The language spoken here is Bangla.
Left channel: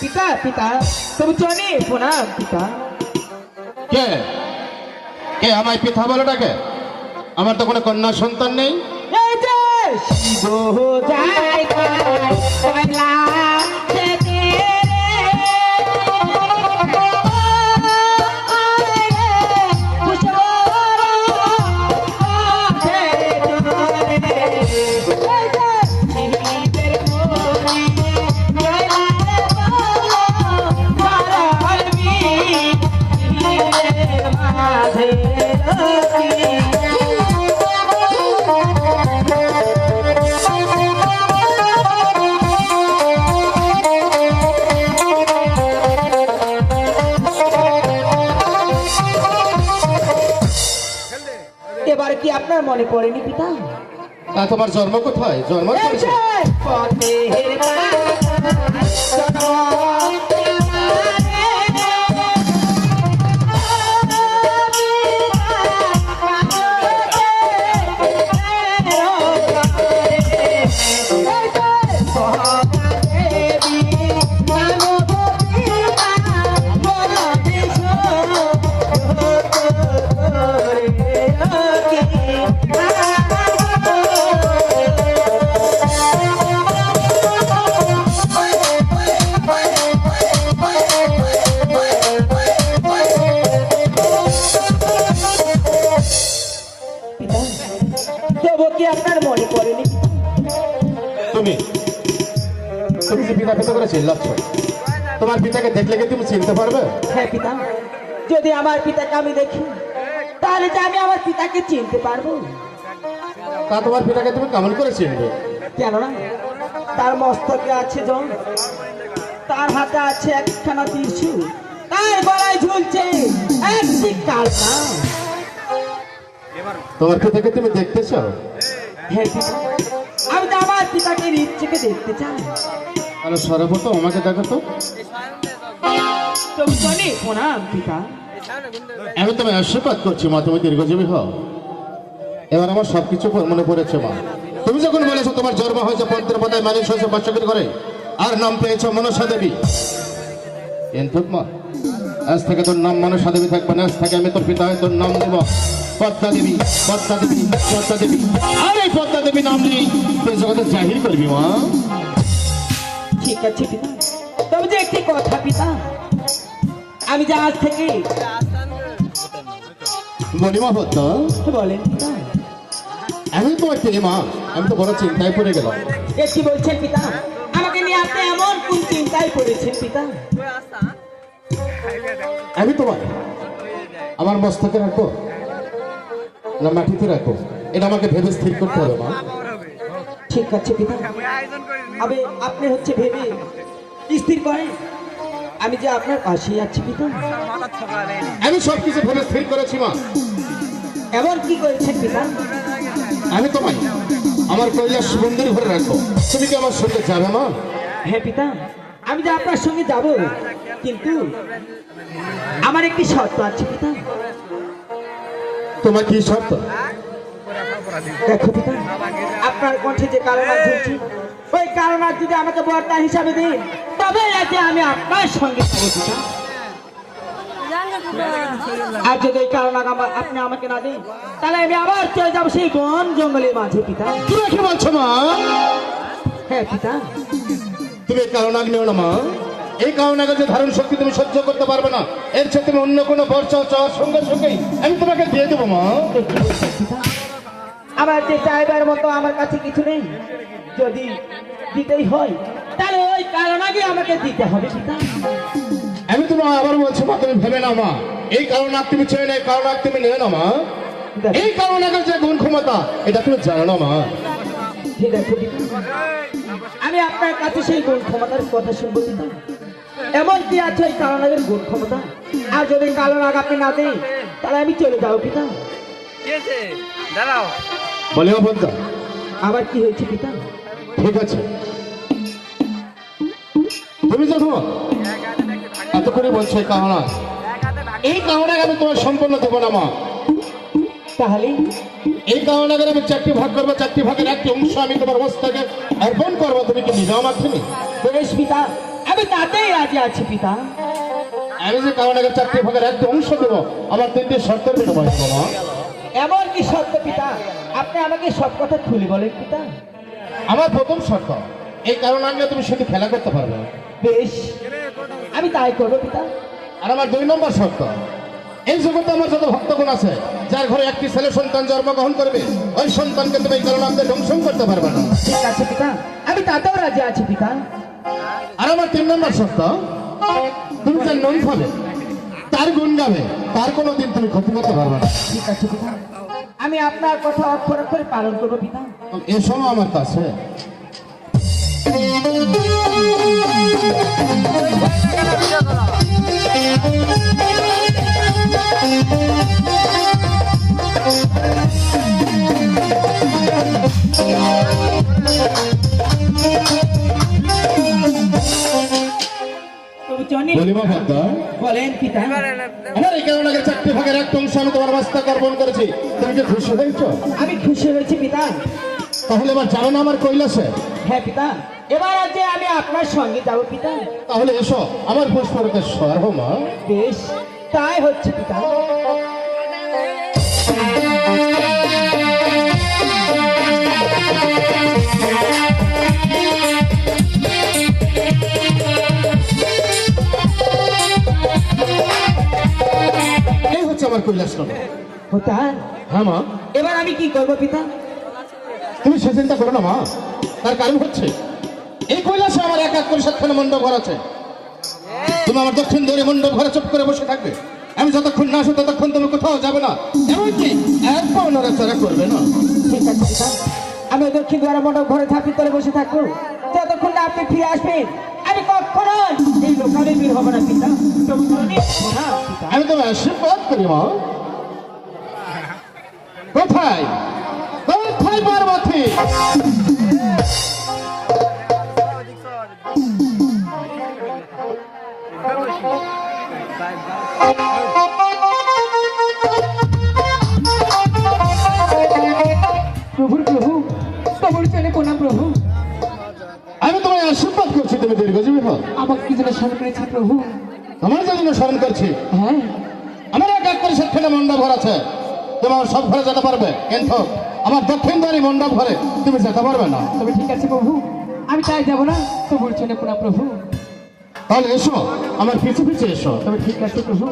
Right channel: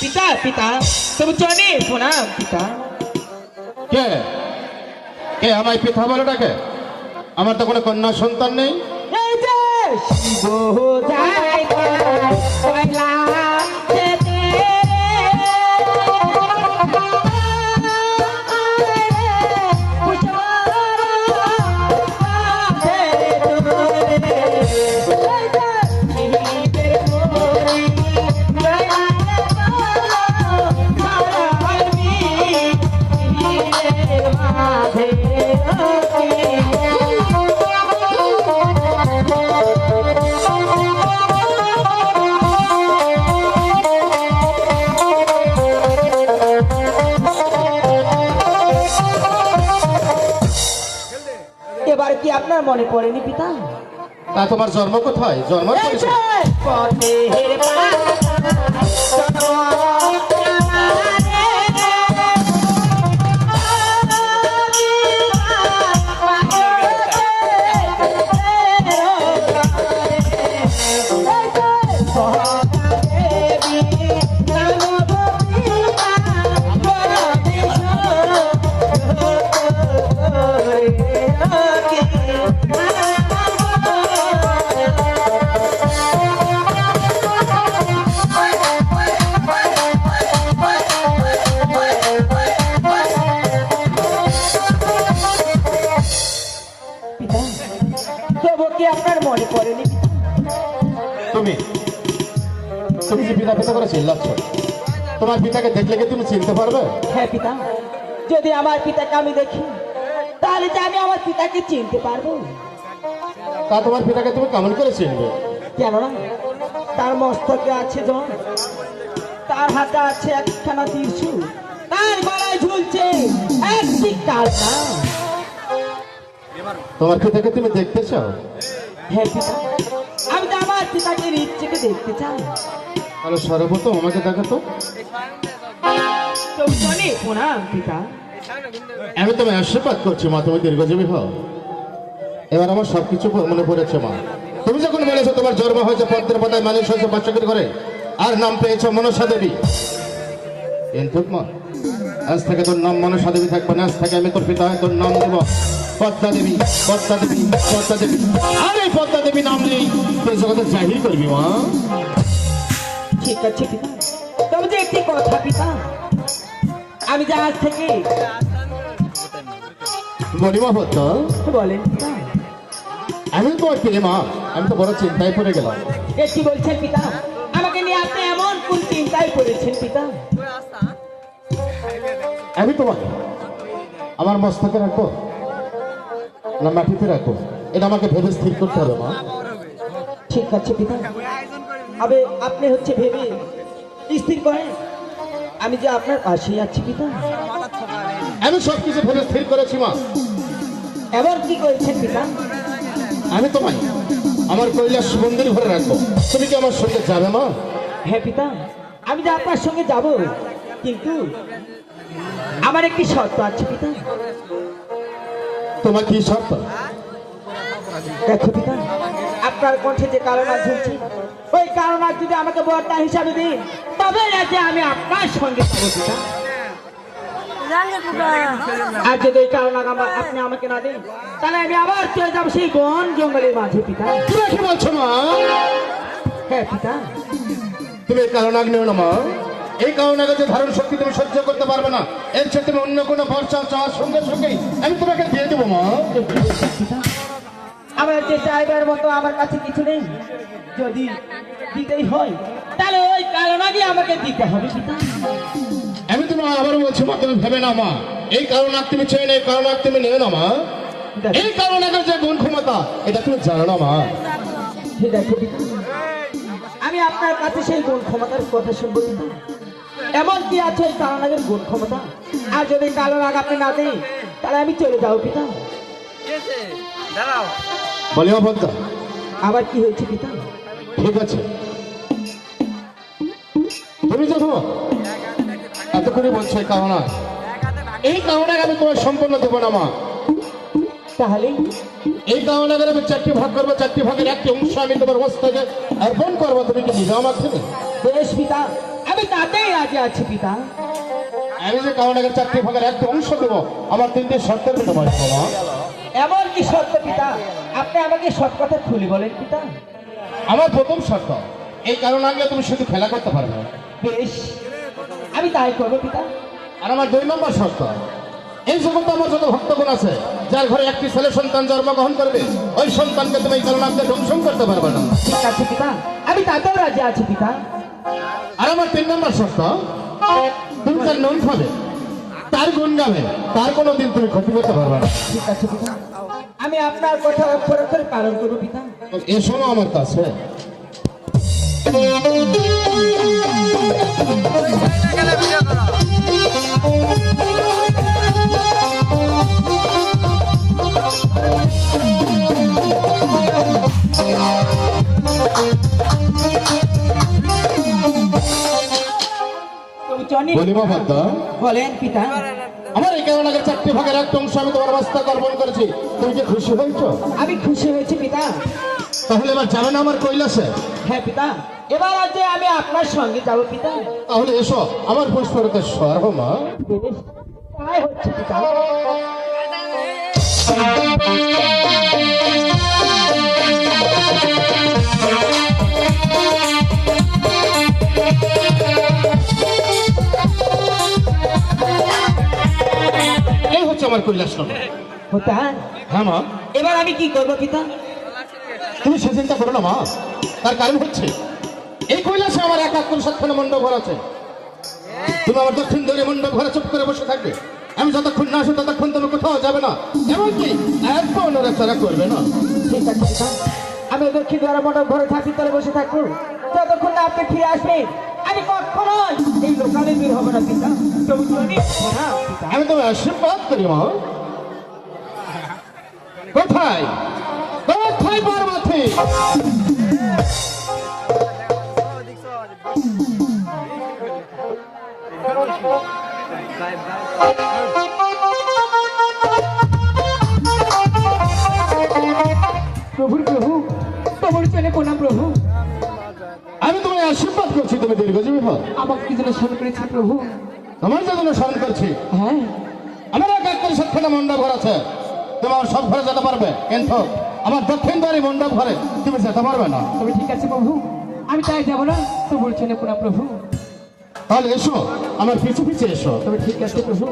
পিতা পিতা তুমি চলে প্রণাম পিতা কে? কে? আমায় পিতা বলে ডাকে? আমার তো কোনো কন্যা সন্তান নেই। এই যে শিব যায় কি আপনার মনে পড়েনি পিতা? তোমার জন্ম কোথায়? জন্ম চিল্লাচ্ছ তোমার পিতাকে দেখলে কি তুমি চিনতে পারবে? হ্যাঁ পিতা। যদি আমার পিতাকে আমি দেখি তাহলে যে আমি আমার পিতাকে চিনতে পারব। তা তোমার পিতাকে তুমি কেমন করে চিনবে? কেননা তার মস্তকে আছে জন। তার হাতে আছে একখানা ত্রিশূল। তার গলায় ঝুলছে একটি তোমার পিতাকে তুমি দেখতে চাও? হ্যাঁ পিতা। আমি তো পিতাকে নিশ্চিকে দেখতে চাই তাহলে সর্বপ্রথম আমাকে দেখো তো। চৌচনে প্রণাম পিতা আমি তোমায় আশীর্বাদ করছি মা তুমি দীর্ঘজীবী হও। এবার আমার সবকিছু মনে পড়েছে মা। তুমি যখন বলেছ তোমার জন্ম হয়েছে পদ্মের পাতায় মানুষ হয়েছে বাচ্চাকে করে আর নাম পেয়েছ মনসা দেবী। কিন্তু মা। আজ থেকে তোর নাম মনসা দেবী থাকবে না আজ থেকে আমি তোর পিতা হয়ে তোর নাম দেব পদ্মা দেবী পদ্মা দেবী পদ্মা দেবী। আর এই পদ্মা দেবী নাম নেই। তুই জগতে জাহির করবি মা ঠিক আছে পিতা। তবে যে একটি কথা পিতা আমি যে আজ থেকে মণিমা কি বলেন পিতা? তোমার ছেলে মা আমি তো বড় চিন্তায় পড়ে গেলাম। কি বলছেন পিতা? আমাকে নিয়ে আপনি এমন কোন চিন্তায় পড়েছেন পিতা? আমি তোমার আমার মস্তকে রাখো না মাটিতে রাখো এটা আমাকে ভেবে স্থির করতে হবে মা। ঠিক আছে পিতা। আবে আপনি হচ্ছে ভেবে স্থির করেন। আমি যে আপনার পাশে আছি পিতা। আমি সবকিছু ভেবে স্থির করেছি মা। এবার কি করেছেন পিতা? আমি তোমায় আমার কৈলাস মন্দির ঘরে রাখো তুমি কি আমার সঙ্গে যাবে না হ্যাঁ পিতা আমি যে আপনার সঙ্গে যাব কিন্তু আমার একটি শর্ত আছে পিতা। তোমার কি শর্ত? দেখো আপনার কণ্ঠে যে কারণা ঝুলছে ওই কারণা যদি আমাকে বর্তা হিসাবে দিন তবে আজকে আমি আপনার সঙ্গে আর যদি ওই কারণা আমার- আপনি আমাকে না দিন তাহলে আমি আবার চলে যাব সেই বন জঙ্গলের মাঝে পিতা। তুমি কি বলছো মা? হ্যাঁ পিতা। তুমি এই কারণ নিও না মা। এই কারণ যে ধারণ শক্তি তুমি সহ্য করতে পারবে না এর চেয়ে তুমি অন্য কোনো বর্ষাও চাওয়ার সঙ্গে সঙ্গেই আমি তোমাকে দিয়ে দেবো মা। আমার যে চাইবার মতো আমার কাছে কিছু নেই যদি দিতেই হয় তাহলে ওই কারণ আগে আমাকে দিতে হবে আমি তোমার আবার বলছি মা তুমি ভেবে না মা। এই কারণ আর তুমি চাই না এই কারণ আর তুমি নিও না মা। এই কারণ আগের যে গুণ ক্ষমতা এটা তুমি জানো না মা। আমি আপনার কাছে সেই গুণ ক্ষমতার কথা শুনব এমন কি আছে? ওই কারণাগের গুণ ক্ষমতা। আর যদি কালো নাগ আপনি না দেন তাহলে আমি চলে যাব পিতা। দাঁড়াও। বলে অভদ্রা আবার কি হয়েছে পিতা? ঠিক আছে। তুমি যখন এত করে বলছে কারণ এই কারণে আমি তোমার সম্পন্ন দেবো না মা। তাহলে এই কারণে আমি চারটি ভাগ করব চারটি ভাগের একটি অংশ আমি তোমার মস্তকে অর্পণ করব। তুমি কি নিজাম আছে বেশ পিতা। আমি তাতেই রাজি আছি পিতা। আমি যে কারণের চাকরি ফাঁকের একটা অংশ দেবো আমার তিনটে শর্ত দিতে এমন কি সত্য পিতা? আপনি আমাকে সব কথা খুলে বলেন পিতা। আমার প্রথম শর্ত এই কারণ আগে তুমি শুধু খেলা করতে পারবে। বেশ। আমি তাই করব পিতা। আর আমার দুই নম্বর শর্ত এই জগতে আমার যত ভক্তগণ আছে যার ঘরে একটি ছেলে সন্তান জন্মগ্রহণ করবে ওই সন্তানকে তুমি এই কারণে আমাকে ধ্বংস করতে পারবে না। ঠিক আছে পিতা। আমি তাতেও রাজি আছি পিতা। আমার তিন নম্বর শর্ত তুমি যে নুন ফলে তার গুণ গাবে তার কোনো দিন তুমি ক্ষতি করতে পারবে না। ঠিক আছে পিতা আমি আপনার কথা অক্ষর অক্ষরে পালন করব পিতা এসব আমার কাছে। তবু বলেন পিতা। আমার এই কারণে চারটি ভাগের একটা অংশ আমি তোমার বাস্তা অর্পণ করেছি। তুমি কি খুশি হয়েছ? আমি খুশি হয়েছি পিতা। তাহলে এবার যাবে না আমার কৈলাসে? হ্যাঁ পিতা। এবার আছে আমি আপনার সঙ্গে যাব পিতা। তাহলে এসো আমার পুষ্পরকে সহ মা। বেশ তাই হচ্ছে পিতা। আমার কৈলাস নগর। হ্যাঁ? মা। এবার আমি কি করব পিতা? তুমি সে চিন্তা করো না মা। তার কারণ হচ্ছে এই কৈলাসে আমার এক করে সাতখানে মণ্ডপ ঘর আছে। তুমি আমার দক্ষিণ ধরে মণ্ডপ ঘরে চুপ করে বসে থাকবে। আমি যতক্ষণ না আসি ততক্ষণ তুমি কোথাও যাবে না। এমনকি এক পাও নড়াচড়া করবে না। ঠিক আছে পিতা। আমি দক্ষিণ দ্বারা মণ্ডপ ঘরে থাকি তলে বসে থাকব। যতক্ষণ না আপনি ফিরে আসবেন আমি কখনোই এই লোকালে বের আমি তোমায় আশীর্বাদ করি কোথায় কোথায় পার্বতী প্রভুর প্রভু, প্রভুর চলে কোনা প্রভু। আমি তোমায় আশীর্বাদ করছি, তুমি দীর্ঘজীবী হও। আমাকে কি যেন স্মরণ করেছে প্রভু? তোমার জন্য স্মরণ করছি। হ্যাঁ। আমার এক এক করে সাতখানে মণ্ডপ ঘর আছে। তোমার সব ঘরে যেতে পারবে কিন্তু আমার দক্ষিণ দ্বারি মণ্ডপ ঘরে। তুমি যেতে পারবে না। তবে ঠিক আছে প্রভু। আমি তাই যাব না। প্রভুর চলে কোনা প্রভু। তাহলে এসো আমার পিছু পিছু এসো। তবে ঠিক আছে প্রভু।